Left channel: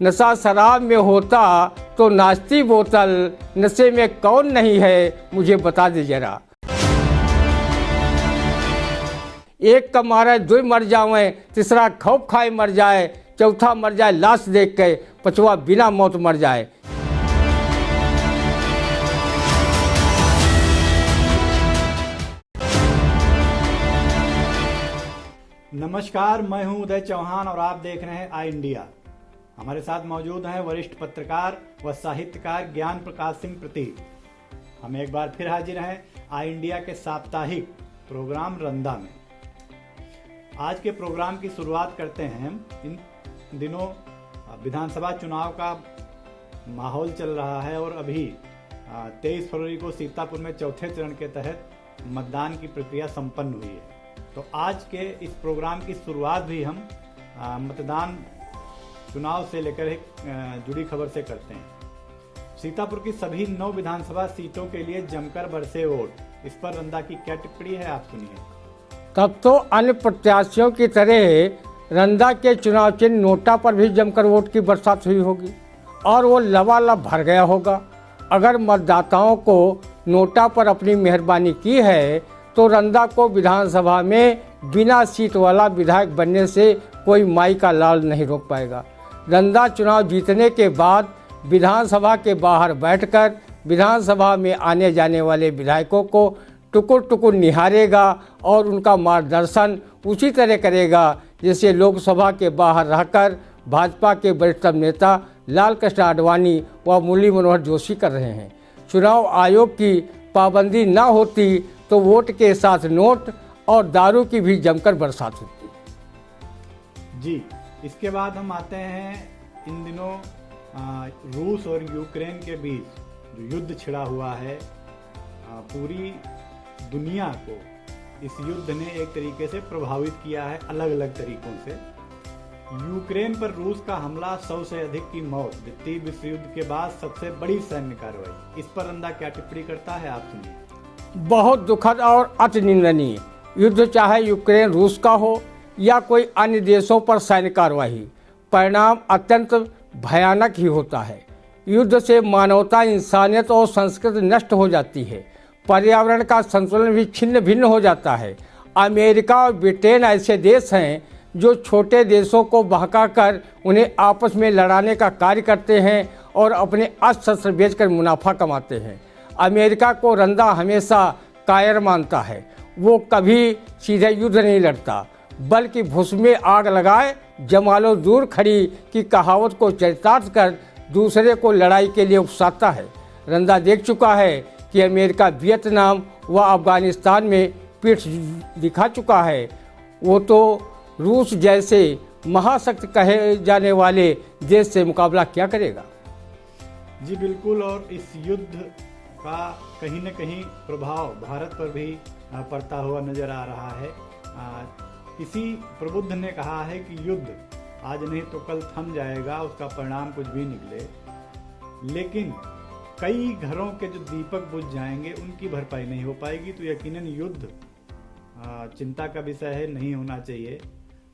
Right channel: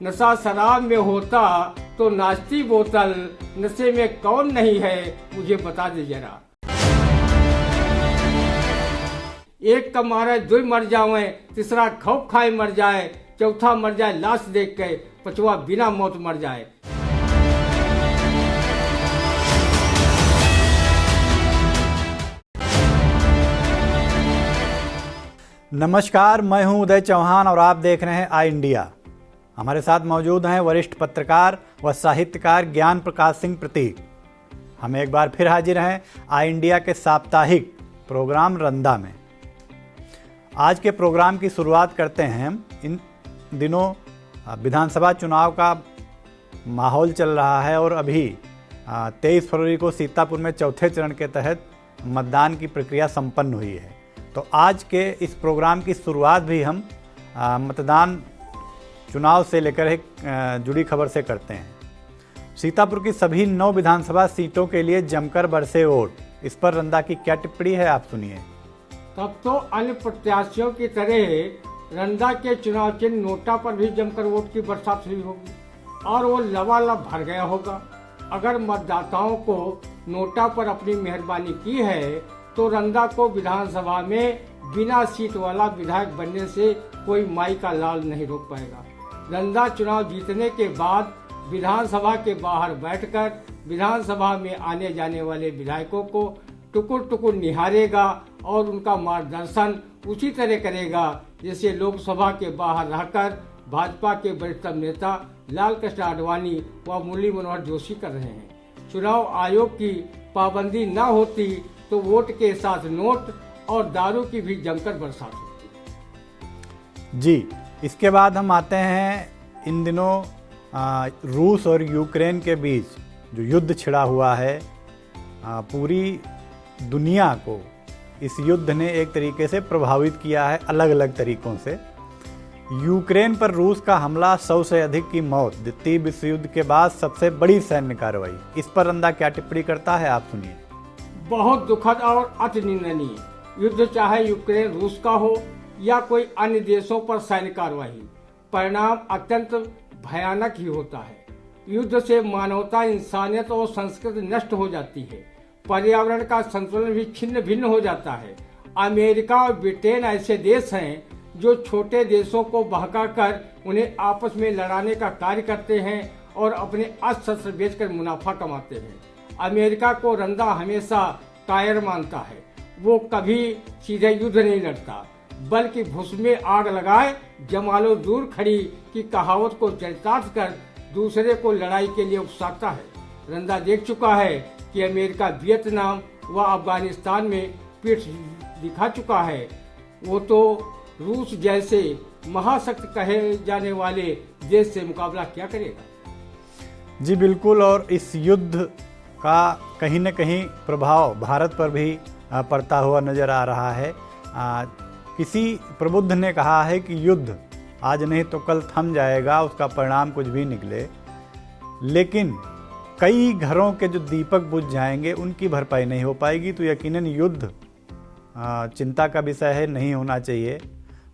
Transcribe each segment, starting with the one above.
नशा शराब में होता तो नाचती बोतल, नशे में कौन नहीं है मुझे बता दे जरा। एक का मारे दो मर जावे, तीसरा खौफ खाए मर जाए, चौथा मर जाए लाश देख के, पांचवा बिना मौत मर जाए। नमस्कार, मैं हूं उदय चौहान और आप देख रहे हैं आई इंडिया। हमारे साथ मौजूद हैं वरिष्ठ पत्रकार व साहित्यकार ज्ञान प्रकाश सिंह प्रतीक। हम एक बार फिर हाजिर हैं आई इंडिया के साप्ताहिक प्रोग्राम रंदा में। आज के प्रोग्राम की शुरुआत करते हैं। इन दिनों विधानसभा चुनाव का माहौल चल रहा है और अभी 23 फरवरी को सीतापुर में चौथे चरण के तहत मतदान की प्रक्रिया संपन्न हुई है। तो आज के इस प्रोग्राम की शुरुआत भी हम मतदान चुनाव से लेकर एक जुड़ी खबर से करते हैं। सीतापुर की सभी 9 विधानसभा सीटों के लिए जमकर बरसे वोट। इस पर रंदा की क्या टिप्पणी है, आप सुनिए। तब तो अन्य प्रत्याशियों की तरह रंदा के चुनाव चिन्ह नोटा पर भी जमकर वोट की बरसात हुई होगी और वो लबालब भर गया होगा। अगर मतदाताओं को नोटा पर अपनी मेहरबानी की है तो रंदा को विधानसभा में बिना सीट वाला विधायक बनने से कोई माई का लाल नहीं रोक पाएगा। रंदा चुनाव जीतने के बाद विधानसभा के बाहर बैठकर विधानसभा में आने जाने वाले विधायकों को टुकुर टुकुर निहारेगा और उनका मार्गदर्शन उसी तरह करेगा जैसे लोकसभा के बाहर रहकर भाजपा के वरिष्ठ नेता लाल कृष्ण आडवाणी व मुरली मनोहर जोशी कर रहे हैं। चुनाव आयोग की पाबंदी न होती तो वोट के साथ नोट और दारू की भी जमकर बरसात होती। जी, इसके बाद हम आते हैं इन दिनों रूस और यूक्रेन के बीच जो युद्ध छिड़ा हुआ है। पूरी दुनिया को इस युद्ध ने एक तरीके से प्रभावित किया है, अलग अलग तरीकों से। यूक्रेन पर रूस का हमला, 100 से अधिक की मौत, द्वितीय विश्व युद्ध के बाद सबसे बड़ी सैन्य कार्रवाई। इस पर रंदा क्या टिप्पणी करता है, आप सुनिए। बहुत दुखद और अति निंदनीय युद्ध, चाहे यूक्रेन रूस का हो या कोई अन्य देशों पर सैन्य कार्रवाई, परिणाम अत्यंत भयानक ही होता है। युद्ध से मानवता, इंसानियत और संस्कृति नष्ट हो जाती है। पर्यावरण का संतुलन भी छिन्न भिन्न हो जाता है। अमेरिका और ब्रिटेन ऐसे देश हैं जो छोटे देशों को बहकाकर उन्हें आपस में लड़ाने का कार्य करते हैं और अपने अस्त्र शस्त्र बेचकर मुनाफा कमाते हैं। अमेरिका को रंदा हमेशा कायर मानता है। वो कभी सीधे युद्ध नहीं लड़ता, बल्कि भुस में आग लगाए जमालो दूर खड़ी की कहावत को चरितार्थ कर दूसरे को लड़ाई के लिए उकसाता है। रंदा देख चुका है कि अमेरिका वियतनाम व अफगानिस्तान में पीठ दिखा चुका है। वो तो रूस जैसे महाशक्ति कहे जाने वाले देश से मुकाबला क्या करेगा। जी बिल्कुल, और इस युद्ध का कहीं न कहीं प्रभाव भारत पर भी पड़ता हुआ नजर आ रहा है। किसी प्रबुद्ध ने कहा है कि युद्ध आज नहीं तो कल थम जाएगा, उसका परिणाम कुछ भी निकले, लेकिन कई घरों के जो दीपक बुझ जाएंगे उनकी भरपाई नहीं हो पाएगी। तो यकीनन युद्ध चिंता का विषय है, नहीं होना चाहिए।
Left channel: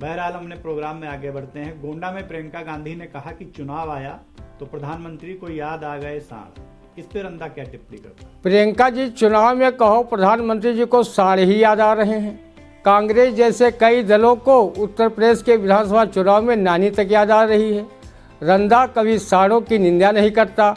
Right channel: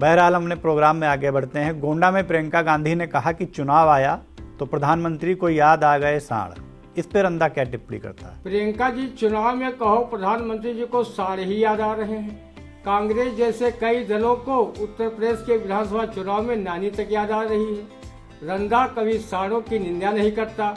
बहरहाल हमने प्रोग्राम में आगे बढ़ते हैं। गोंडा में प्रियंका गांधी ने कहा कि चुनाव आया तो प्रधानमंत्री को याद आ गए साढ़। इस पर रंदा क्या टिप्पणी करता है? प्रियंका जी, चुनाव में कहो प्रधानमंत्री जी को साढ़ ही याद आ रहे हैं। कांग्रेस जैसे कई दलों को उत्तर प्रदेश के विधानसभा चुनाव में नानी तक याद आ रही है। रंदा कभी साढ़ों की निंदा नहीं करता,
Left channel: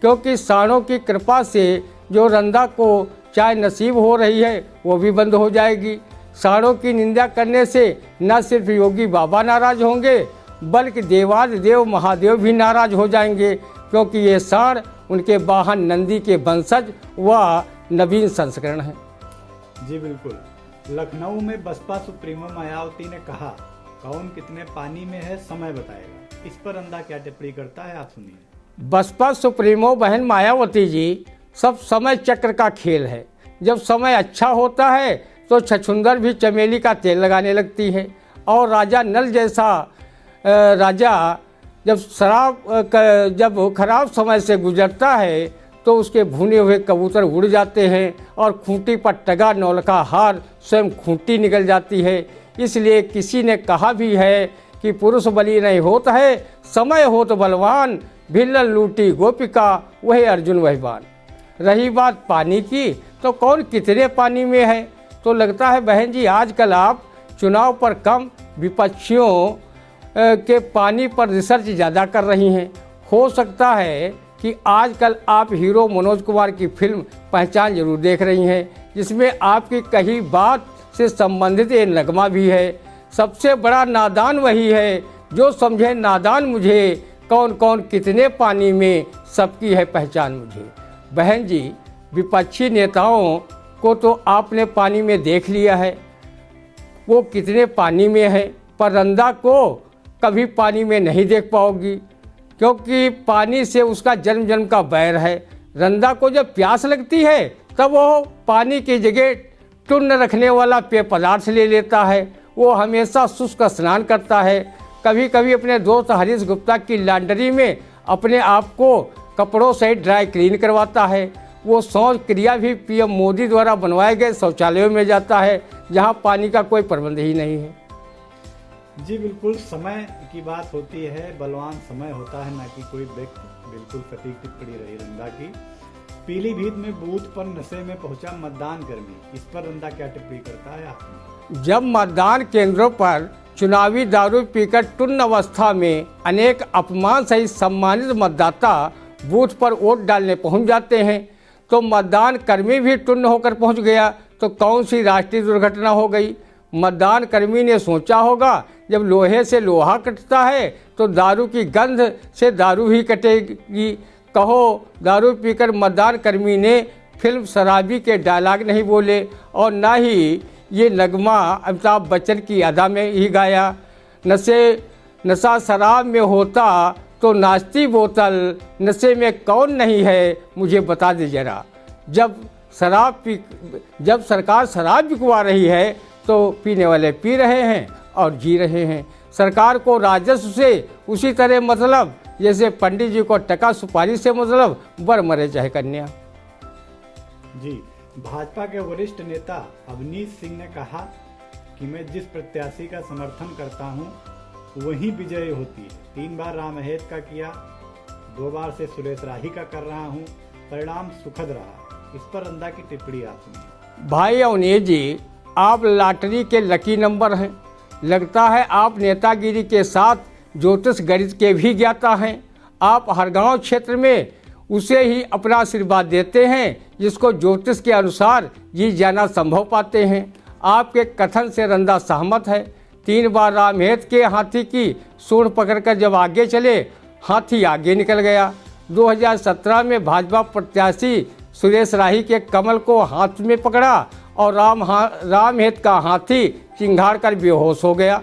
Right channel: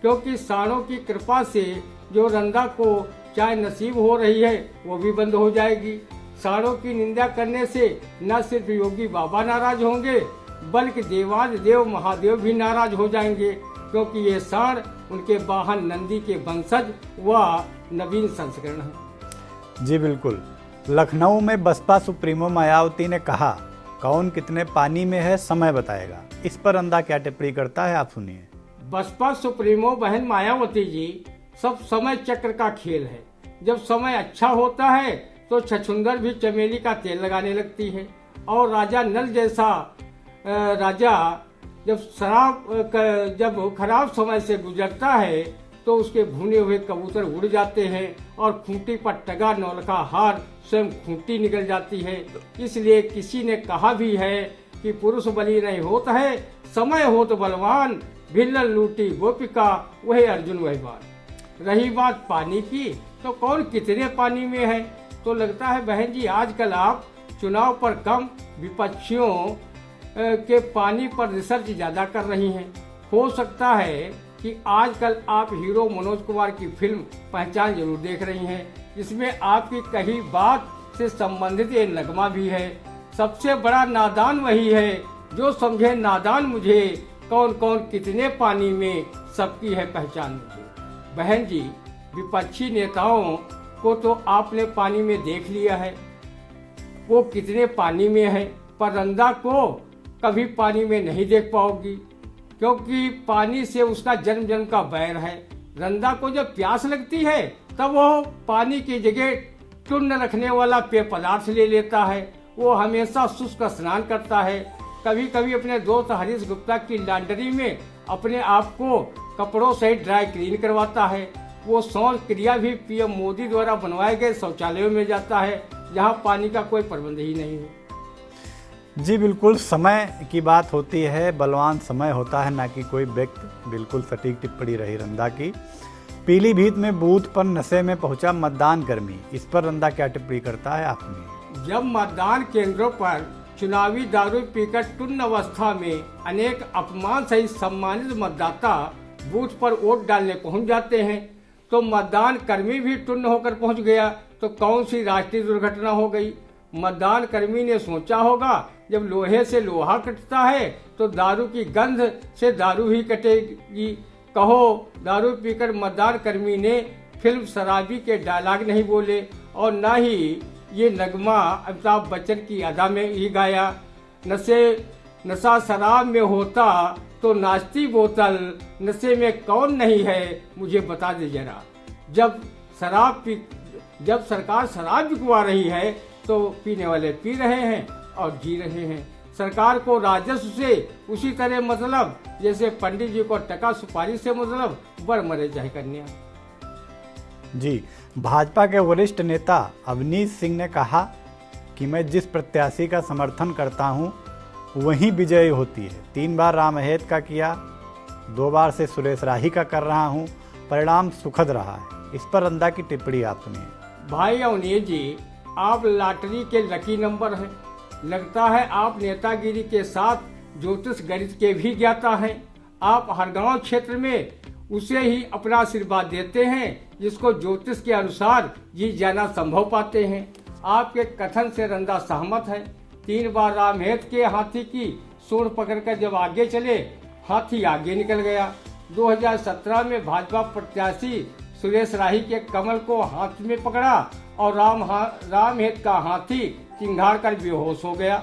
क्योंकि साढ़ों की कृपा से जो रंदा को चाय नसीब हो रही है वो भी बंद हो जाएगी। साढ़ों की निंदा करने से न सिर्फ योगी बाबा नाराज होंगे, बल्कि देवाधिदेव महादेव भी नाराज हो जाएंगे, क्योंकि ये साढ़ उनके वाहन नंदी के वंशज व नवीन संस्करण है। जी बिल्कुल। लखनऊ में बसपा सुप्रीमो मायावती ने कहा, कौन कितने पानी में है समय बताएगा। इस पर रंदा क्या टिप्पणी करता है, आप सुनिए। बसपा सुप्रीमो बहन मायावती जी, सब समय चक्र का खेल है। जब समय अच्छा होता है तो छछुंदर भी चमेली का तेल लगाने लगती है, और राजा नल जैसा राजा जब खराब समय से गुजरता है तो उसके भुने हुए कबूतर उड़ जाते हैं और खूंटी पर टगा नौलखा हार स्वयं खूंटी निकल जाती है। इसलिए किसी ने कहा भी है कि पुरुष बली नहीं होता है, समय हो तो बलवान, भिल्लन लूटी गोपिका वही अर्जुन वही बाण। रही बात पानी की, तो कौन कितने पानी में है। तो लगता है बहन जी आजकल आप चुनाव पर कम विपक्षियों के पानी पर रिसर्च ज़्यादा कर रही हैं। हो सकता है कि आजकल आप हीरो मनोज कुमार की फिल्म पहचान जरूर देख रही हैं, जिसमें आपकी कही बात से संबंधित ये नगमा भी है। सबसे बड़ा नादान वही है जो समझे नादान मुझे, कौन कौन कितने पानी में सबकी है पहचान मुझे। बहन जी विपक्षी नेताओं को तो आपने पानी में देख लिया है, वो कितने पानी में है, पर रंदा को कभी पानी में नहीं देख पाओगी, क्योंकि पानी से उसका जन्म जन्म का बैर है। रंदा को जब प्यास लगती है तब वो पानी की जगह टुन्न रखने वाला पेय पदार्थ ले लेता है। वो हमेशा शुष्क स्नान करता है। कभी कभी अपने दोस्त हरीश गुप्ता की लॉन्ड्री में अपने आप को कपड़ों से ड्राई क्लीन करवाता है। वो शौच क्रिया भी पीएम मोदी द्वारा बनवाए गए शौचालयों में जाता है, जहां पानी का कोई प्रबंध ही नहीं है। जी बिल्कुल, समय की बात होती है, बलवान समय होता है, ना कि कोई व्यक्ति। बिल्कुल सटीक टिप्पणी रही रंदा की। पीलीभीत में बूथ पर नशे में पहुंचा मतदान कर्मी, इस पर रंदा क्या टिप्पणी करता है आपने? जब मतदान केंद्रों पर चुनावी दारू पीकर टुन्न अवस्था में अनेक अपमान सहित सम्मानित मतदाता बूथ पर वोट डालने पहुंच जाते हैं, तो मतदान कर्मी भी टुन्न होकर पहुंच गया तो कौन सी राष्ट्रीय दुर्घटना हो गई। मतदान कर्मी ने सोचा होगा जब लोहे से लोहा कटता है तो दारू की गंध से दारू ही कटेगी। कहो दारू पीकर मतदान कर्मी ने फिल्म शराबी के डायलॉग नहीं बोले और ना ही ये नगमा अमिताभ बच्चन की अदा में ही गाया। नशा शराब में होता तो नाचती बोतल, नशे में कौन नहीं है मुझे बता दे जरा। जब सरकार शराब बिकवा रही है तो पीने वाले पी रहे हैं और जी रहे हैं। सरकार को राजस्व से उसी तरह मतलब जैसे पंडित जी को टका सुपारी से मतलब, बर मरे चाहे कन्या। जी, भाजपा के वरिष्ठ नेता अवनीश सिंह ने कहा कि मैं जिस प्रत्याशी का समर्थन करता हूं वही विजयी होती है। 3 बार राम अहेत का किया, 2 बार से सुरेश राही का कर रहा हूं, परिणाम सुखद रहा है। इस पर रंदा की टिप्पणी आप सुनिए। भाई अवनीश जी, आप लॉटरी के लकी नंबर हैं। लगता है आप नेतागिरी के साथ ज्योतिष गणित के भी ज्ञाता हैं। आप हर गांव क्षेत्र में उसे ही अपना आशीर्वाद देते हैं जिसको ज्योतिष के अनुसार जी जाना संभव पाते हैं। आपके कथन से रंदा सहमत है। 3 बार रामहेत के हाथी की सूंड पकड़कर जब आगे चले, हाथी आगे निकल गया। 2017 में भाजपा प्रत्याशी सुरेश राही के कमल को हाथ में पकड़ा और रामहेत का हाथी चिंगाड़ कर बेहोश हो गया।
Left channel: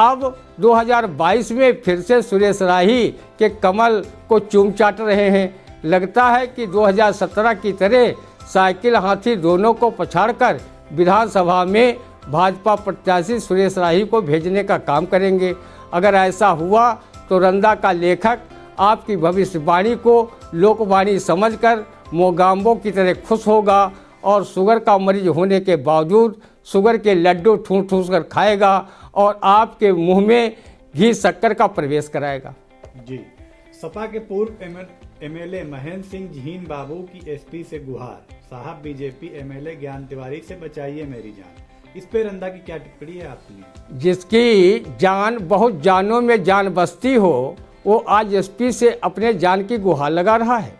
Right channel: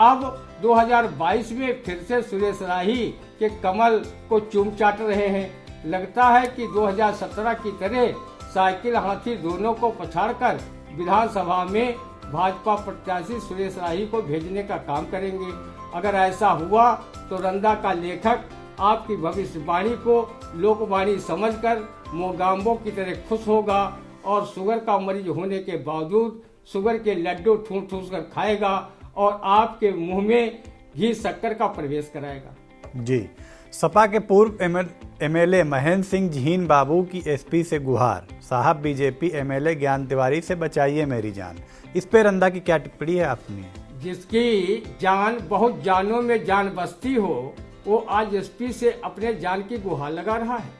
अब 2022 में फिर से सुरेश राही के कमल को चूम चाट रहे हैं। लगता है कि 2017 की तरह साइकिल हाथी दोनों को पछाड़कर विधानसभा में भाजपा प्रत्याशी सुरेश राही को भेजने का काम करेंगे। अगर ऐसा हुआ तो रंदा का लेखक आपकी भविष्यवाणी को लोकवाणी समझकर मोगाम्बो की तरह खुश होगा और शुगर का मरीज होने के बावजूद शुगर के लड्डू ठूस ठूस कर खाएगा और आपके मुंह में घी शक्कर का प्रवेश कराएगा। जी, सपा के पूर्व एमएलए महेंद्र सिंह झीन बाबू की एसपी से गुहार, साहब बीजेपी एमएलए ज्ञान तिवारी से बचाइए मेरी जान। इस पे रंदा की क्या टिप्पणी है आपने? जिसकी जान बहुत जानों में जान बसती हो वो आज एसपी से अपने जान की गुहार लगा रहा है।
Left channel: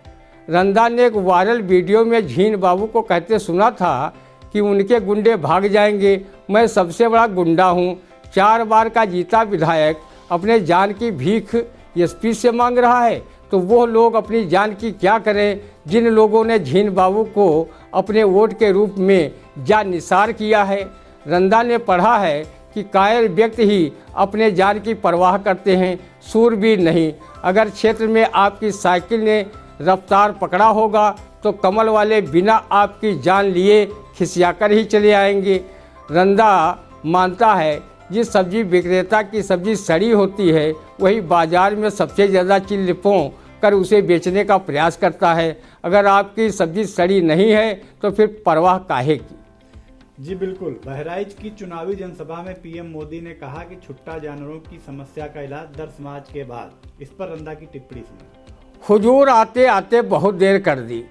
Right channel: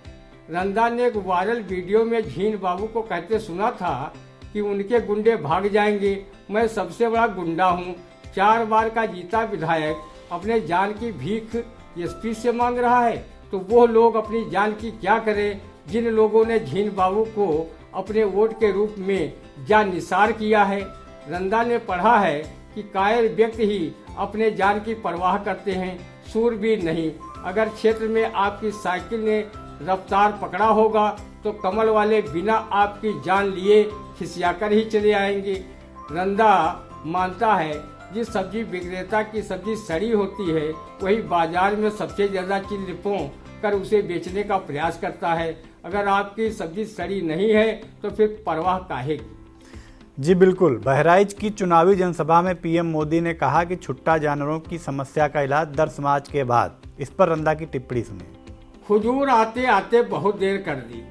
रंदा ने एक वायरल वीडियो में झीन बाबू को कहते सुना था कि उनके गुंडे भाग जाएंगे, मैं सबसे बड़ा गुंडा हूं। 4 बार का जीता विधायक अपने जान की भीख एसपी से मांग रहा है, तो वो लोग अपनी जान की क्या करें जिन लोगों ने झीन बाबू को अपने वोट के रूप में जान निसार किया है। रंदा ने पढ़ा है कि कायर व्यक्ति ही अपने जान की परवाह करते हैं, सूरवीर नहीं। अगर क्षेत्र में आपकी साइकिल ने रफ्तार पकड़ा होगा तो कमल वाले बिना आपकी जान लिए खिसियाकर ही चले आएंगे। रंदा मानता है जिस सब्जी विक्रेता की सब्जी सड़ी होती है वही बाजार में सबसे ज़्यादा चिल्लिपों कर उसे बेचने का प्रयास करता है। अगर आपकी सब्जी सड़ी नहीं है तो फिर परवाह काहे की। जी बिल्कुल। बहराइच की चुनावी जनसभा में पीएम मोदी ने कहा कि छुट्टा जानवरों की समस्या का इलाज 10 मार्च के बाद। इस पर रंदा की टिप्पणी सुनी। हुजूर आते आते बहुत देर कर दी।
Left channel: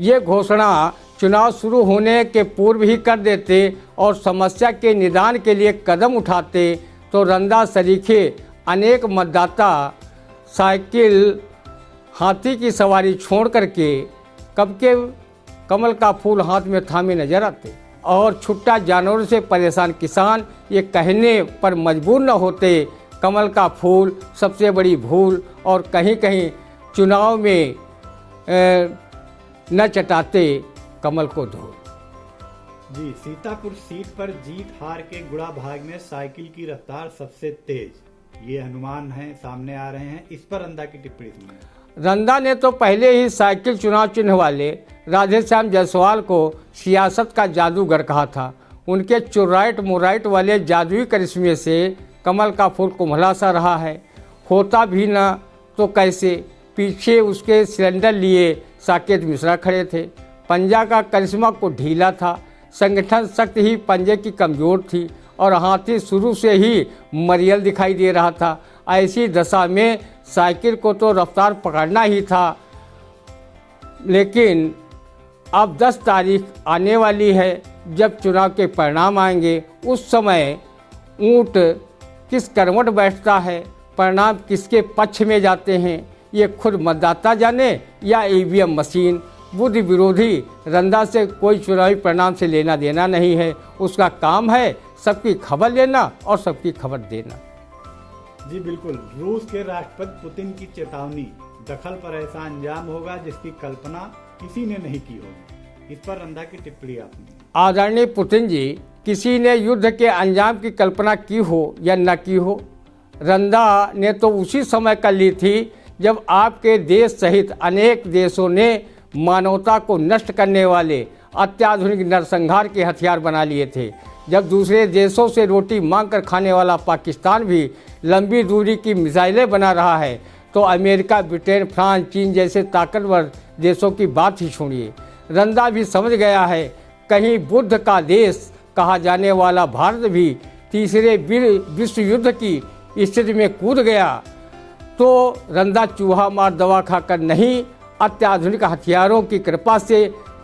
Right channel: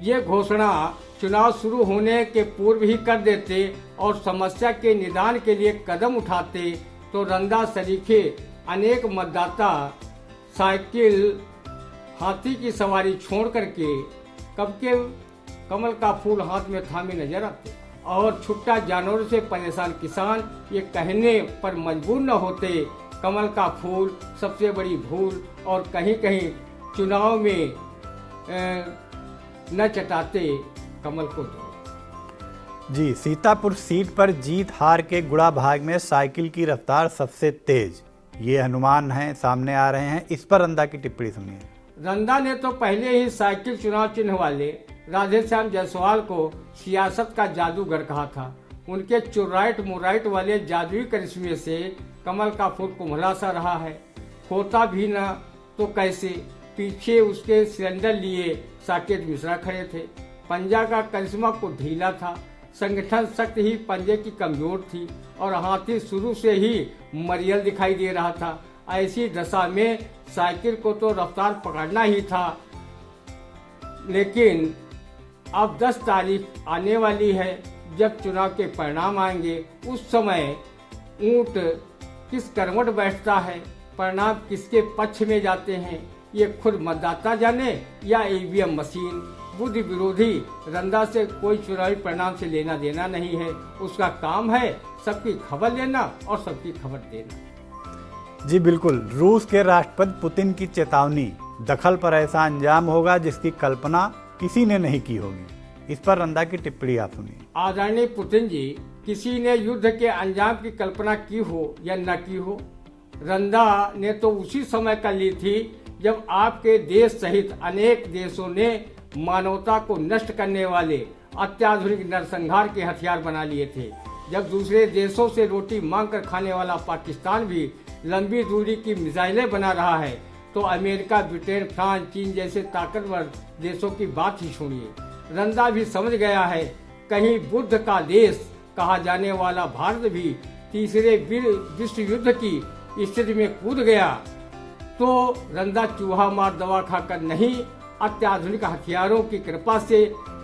ये घोषणा चुनाव शुरू होने के पूर्व ही कर देते और समस्या के निदान के लिए कदम उठाते तो रंदा सरीखे अनेक मतदाता साइकिल हाथी की सवारी छोड़ करके कब के कमल का फूल हाथ में थामे नजर आते और छुट्टा जानवरों से परेशान किसान ये कहने पर मजबूर न होते कमल का फूल सबसे बड़ी भूल और कहीं कहीं चुनाव में न चटाते कमल को धो। जी, सीतापुर सीट पर जीत हार के गुड़ा भाग में साइकिल की रफ्तार सबसे तेज, ये अनुमान है सामने आ रहे हैं। इस पर रंदा की टिप्पणी सुनिए। रंदा ने तो पहले ही साइकिल चुनाव चिन्ह वाले राधेश्याम जायसवाल को सियासत का जादूगर कहा था। उनके चुराइट मुराइट वाले जादुई करिश्मे से कमल का फूल कुम्हला सा रहा है। होता भी ना तो कैसे, पीछे उसके सिलेंडर लिए साकेत मिश्रा खड़े थे। पंजा का करिश्मा को ढीला था, संगठन शक्ति ही पंजे की कमजोर थी और हाथी शुरू से ही मरियल दिखाई दे रहा था। ऐसी दशा में साइकिल को तो रफ्तार पकड़ना ही था। लेकिन अब 10 तारीख आने वाली है, जब चुनाव के परिणाम आएंगे उस समय ऊंट किस करवट बैठता है, परिणाम किसके पक्ष में जाते हैं, ये खुद मतदाता जाने या ईवीएम मशीन। बुद्ध विरोधी रंदा से कोई चुनावी परिणाम से लेना देना नहीं है। उसका काम है सबकी खबर लेना और सबकी खबर देना। जी बिल्कुल। रूस के राष्ट्रपति पुतिन की चेतावनी, दखल पर ऐसा अंजाम होगा जिसकी कल्पना किसी ने नहीं की होगी। इस पर रंदा की टिप्पणी आप सुनिए। आदरणीय पुतिन जी, किसी ने युद्ध के अंजाम की कल्पना की हो या न की हो, रंदा ने तो उसी समय कर ली थी जब आपके देश सहित अनेक देशों ने मानवता को नष्ट करने वाले अत्याधुनिक नरसंहार के हथियार बना लिए थे। जब दूसरे देशों से रोटी मांग कर खाने वाला पाकिस्तान भी लंबी दूरी की मिसाइलें बना रहा है, तो अमेरिका, ब्रिटेन, फ्रांस, चीन जैसे ताकतवर देशों की बात ही छोड़िए। रंदा भी समझ गया है कहीं बुद्ध का देश कहा जाने वाला भारत भी तीसरे विश्व युद्ध की स्थिति में कूद गया तो रंदा चूहा मार दवा खाकर नहीं, अत्याधुनिक हथियारों की कृपा से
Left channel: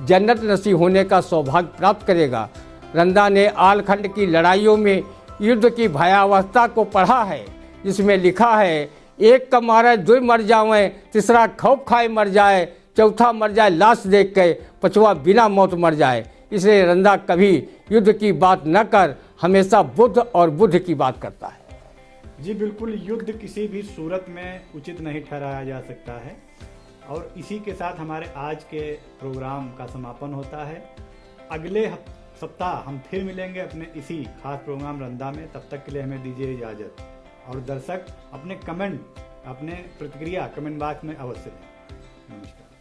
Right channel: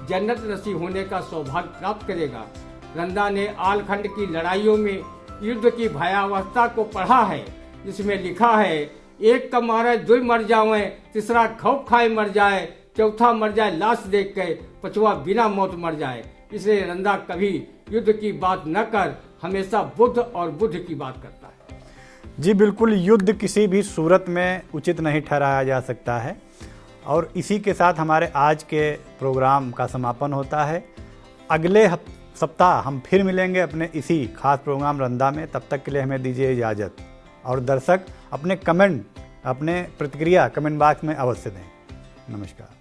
जन्नत नसीब होने का सौभाग्य प्राप्त करेगा। रंदा ने आलखंड की लड़ाइयों में युद्ध की भयावहता को पढ़ा है, जिसमें लिखा है एक का मारे दो मर जाए, तीसरा खौफ खाए मर जाए, चौथा मर जाए लाश देख के, पांचवा बिना मौत मर जाए। इसलिए रंदा कभी युद्ध की बात न कर हमेशा बुद्ध और बुद्ध की बात करता है। जी बिल्कुल। युद्ध किसी भी सूरत में उचित नहीं ठहराया जा सकता है। और इसी के साथ हमारे आज के प्रोग्राम का समापन होता है। अगले सप्ताह हम फिर मिलेंगे अपने इसी खास प्रोग्राम रंदा में। तब तक के लिए हमें दीजिए इजाज़त। और दर्शक अपने प्रतिक्रिया कमेंट बॉक्स में अवश्य दें। नमस्कार।